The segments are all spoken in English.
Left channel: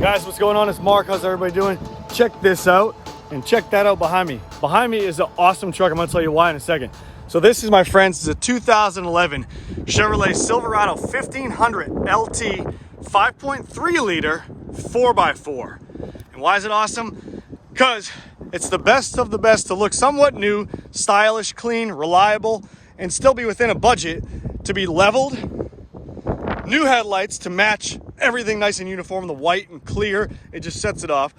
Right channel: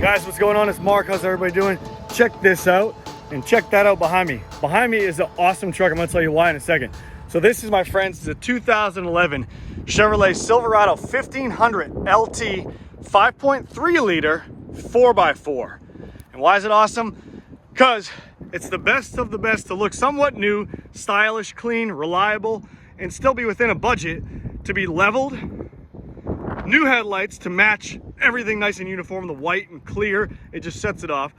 Guys, what's going on? It's Mark. How's everybody doing? Check this out and check that out behind me. Behind me is an awesome truck. I'm gonna tell you why in a second. So this is, my friends, is a 2011 Chevrolet Silverado 1500 LT 5.3 liter 4x4. And why is it awesome? Because it's the best of the best to look somewhat new, stylish, clean, reliable, and still be within a budget to be leveled. New headlights to match everything nice and uniform, the white and clear, it just sets it off.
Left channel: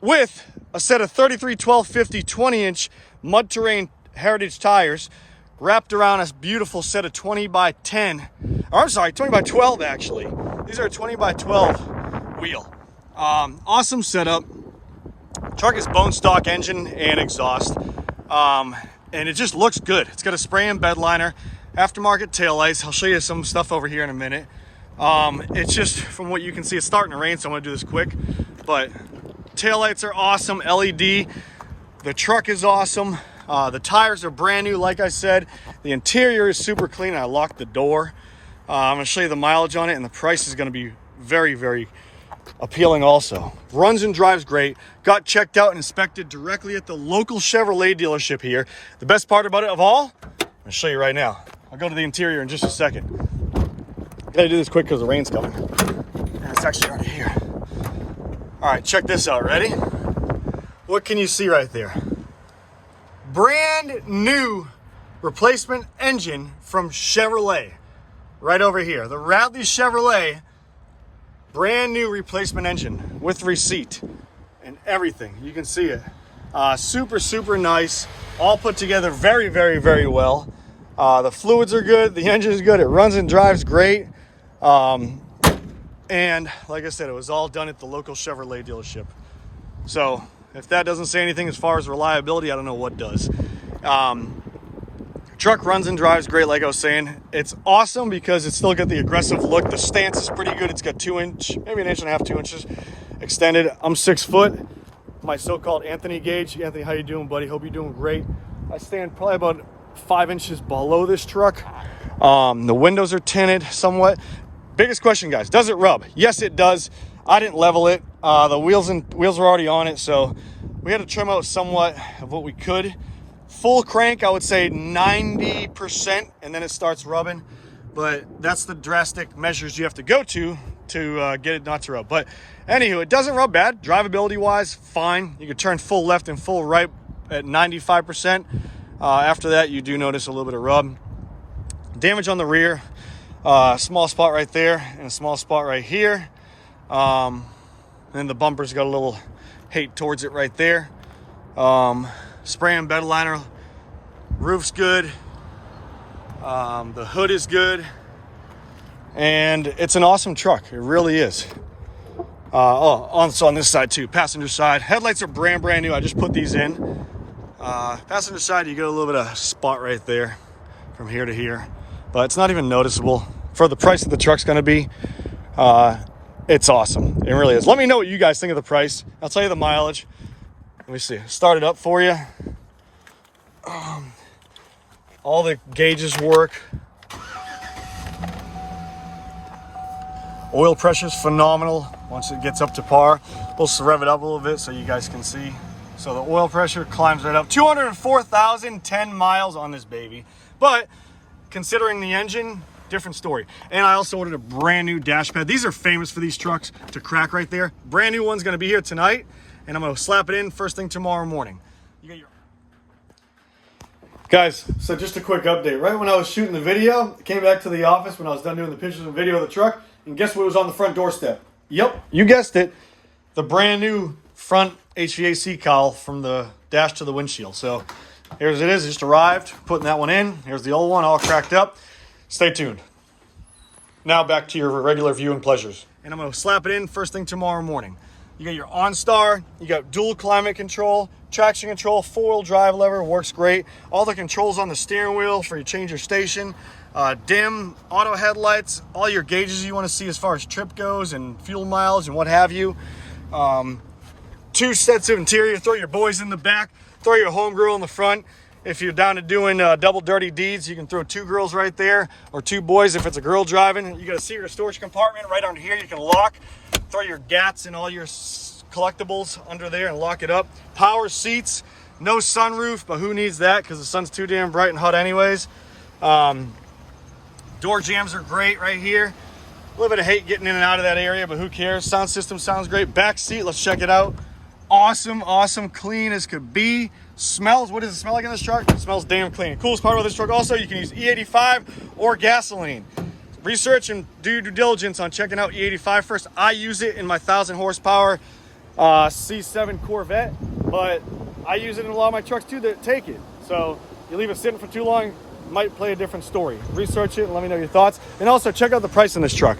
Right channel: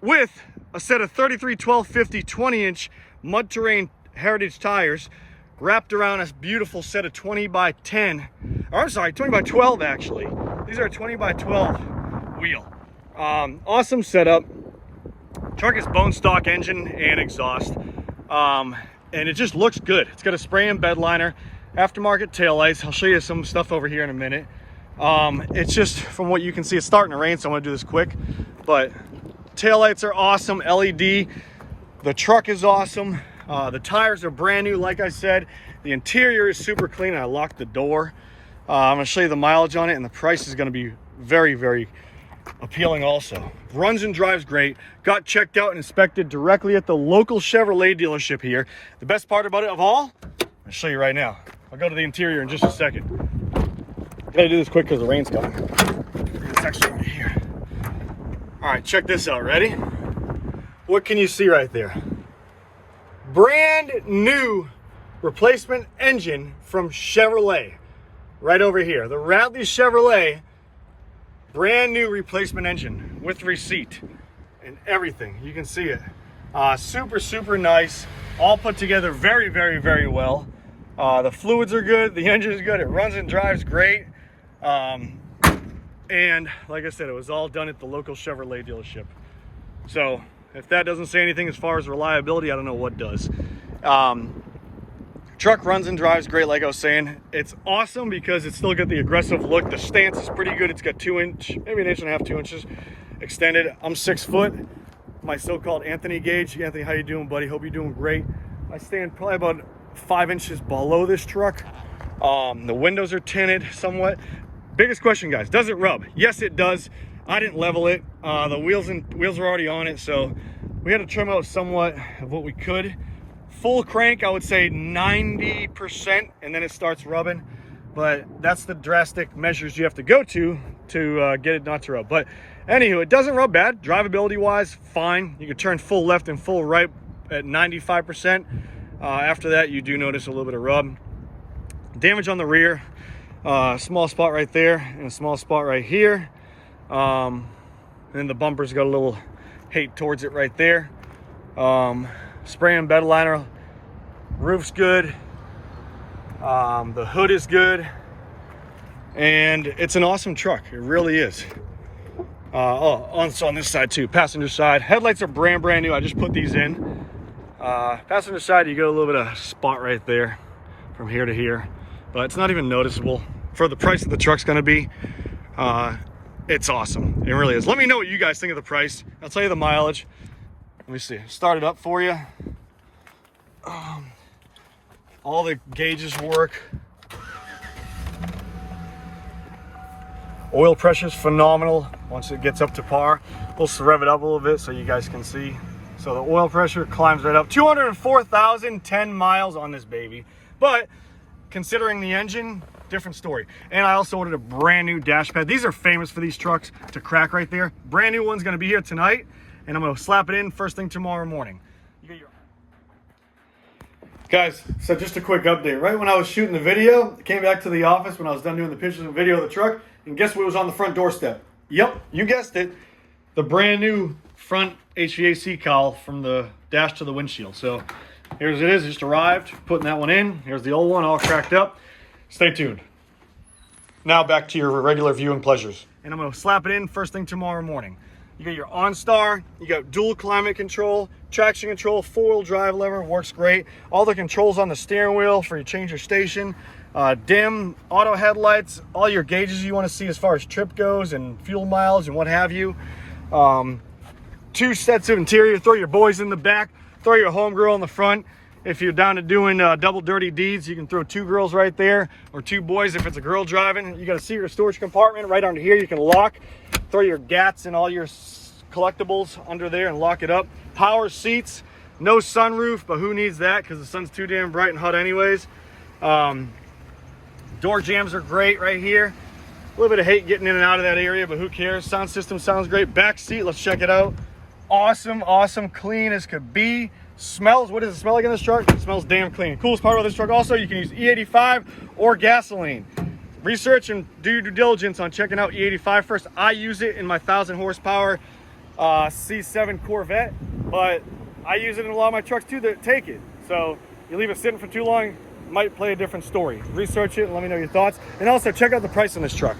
With a set of 33 12 50 20-inch mud terrain heritage tires wrapped around a beautiful set of 20 by 10, or I'm sorry, 20 by 12 actually. These are a 20 by 12 wheel. Awesome setup. Truck is bone stock engine and exhaust. And it just looks good. It's got a spray and bed liner, aftermarket taillights. I'll show you some stuff over here in a minute. It's just, from what you can see, it's starting to rain, so I'm gonna do this quick. But taillights are awesome, LED. The truck is awesome. The tires are brand new, like I said. The interior is super clean. I locked the door. I'm gonna show you the mileage on it, and the price is gonna be very, very appealing also. Runs and drives great. Got checked out and inspected directly at the local Chevrolet dealership here. The best part about it of all, I'll show you right now. I'll go to the interior in just a second. Gotta do this quick because the rain's coming. And it's extra right here. All right, check this out, ready? What can you see right there? Brand new replacement engine from Chevrolet. Right over here. The Radley Chevrolet, brand new replacement engine with receipt and everything. You can see it. Super, super nice. All put together very, very, very well. The fluids are good. The engine is good. It runs and drives great. And like I said, it was all done at the local Chevrolet dealership. So if that doesn't say anything as far as reliability, I don't know what does. Truck runs and drives great, like I was saying. It's awesome because it's still got the aggressive look. The stance is pretty good. It's got 2 inch, maybe 1.5 inches, 2 inches extended. I'm 6 foot. My so-called Anthony gauge. Anthony, how you doing, buddy? Hope you're doing great. I stand probably about 5 inches below this truck. The windows are tinted somewhat. Biggest question, guys, does it rub? Yes, it does. I didn't level it. The wheels were already on it, so we had to trim out somewhat of what we could. Full crank, I would say 90%, and then it starts rubbing. But that's the drastic measures you have to go to get it not to rub. But anywho, it doesn't rub bad. Drivability wise, fine. You can turn full left and full right at 95%. After that, you do notice a little bit of rub. Damage on the rear, small spot right there and a small spot right here. And the bumper's got a little hate towards it right there. Spray and bed liner, roof's good. The hood is good. And it's an awesome truck. It really is. Also on this side too, passenger side. Headlights are brand new. I just put these in. Passenger side, you get a little bit of spot right there from here to here. But it's not even noticeable. For the price that the truck's gonna be, it's awesome. It really is. Let me know what you guys think of the price. I'll tell you the mileage. Let me see. Start it up for you. All the gauges work. Oil pressure's phenomenal once it gets up to par. We'll rev it up a little bit so you guys can see. So the oil pressure climbs right up. 204,010 miles on this baby. But considering the engine, different story. And I also ordered a brand new dash pad. These are famous for these trucks to crack right there. Brand new one's gonna be here tonight, and I'm gonna slap it in first thing tomorrow morning. You got your... Guys, so just a quick update. Right when I was shooting the video, I came back to the office when I was done doing the pictures and video of the truck, and guess what was on the front doorstep? Yep, you guessed it. The brand new front HVAC cowl from the dash to the windshield. So here's it is, it just arrived, putting that one in. Here's the old one, all cracked up. Stay tuned. Now back to your regular viewing pleasures. And I'm gonna slap it in first thing tomorrow morning. You got your OnStar, you got dual climate control, traction control, 4-wheel drive lever, works great. All the controls on the steering wheel for you change your station, dim, auto headlights, all your gauges you wanna see as far as trip goes and fuel miles and what have you. 2 sets of interior, throw your boys in the back, throw your home girl in the front. If you're down to doing double dirty deeds, you can throw 2 girls right there or 2 boys if it's a girl driving. You got a secret storage compartment right under here you can lock. throw your gats and all your collectibles under there and lock it up. Power seats, no sunroof, but who needs that because the sun's too damn bright and hot anyways. Door jams are great right here. A little bit of hate getting in and out of that area, but who cares? Sound system sounds great. Back seat, let's check it out. Awesome, awesome, clean as could be. Smells, what does it smell like in this truck? It smells damn clean. Coolest part about this truck also, you can use E85 or gasoline. Research and do your due diligence on checking out E85 first. I use it in my 1,000 horsepower C7 Corvette, but I use it in a lot of my trucks too that take it. So you leave it sitting for too long, might play a different story. Research it and let me know your thoughts. And also check out the price on this truck.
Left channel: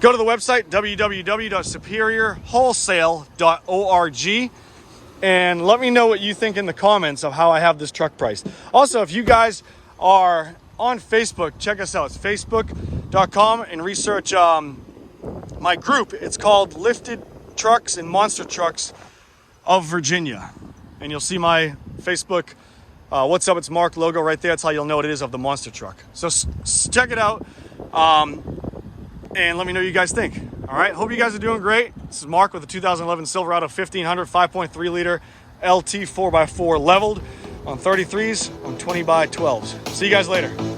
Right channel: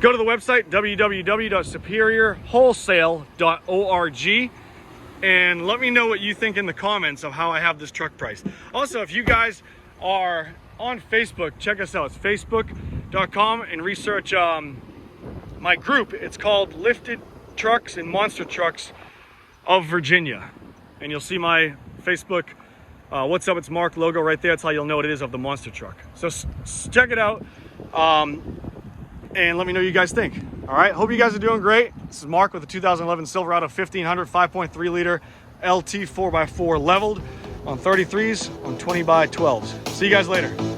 Go to the website, www.superiorwholesale.org, and let me know what you think in the comments of how I have this truck priced. Also, if you guys are on Facebook, check us out. It's facebook.com and research my group. It's called Lifted Trucks and Monster Trucks of Virginia. And you'll see my Facebook What's Up, It's Mark logo right there. That's how you'll know what it is of the monster truck. So check it out and let me know what you guys think. All right, hope you guys are doing great. This is Mark with the 2011 Silverado 1500 5.3 liter LT 4x4 leveled on 33s on 20x12s. See you guys later.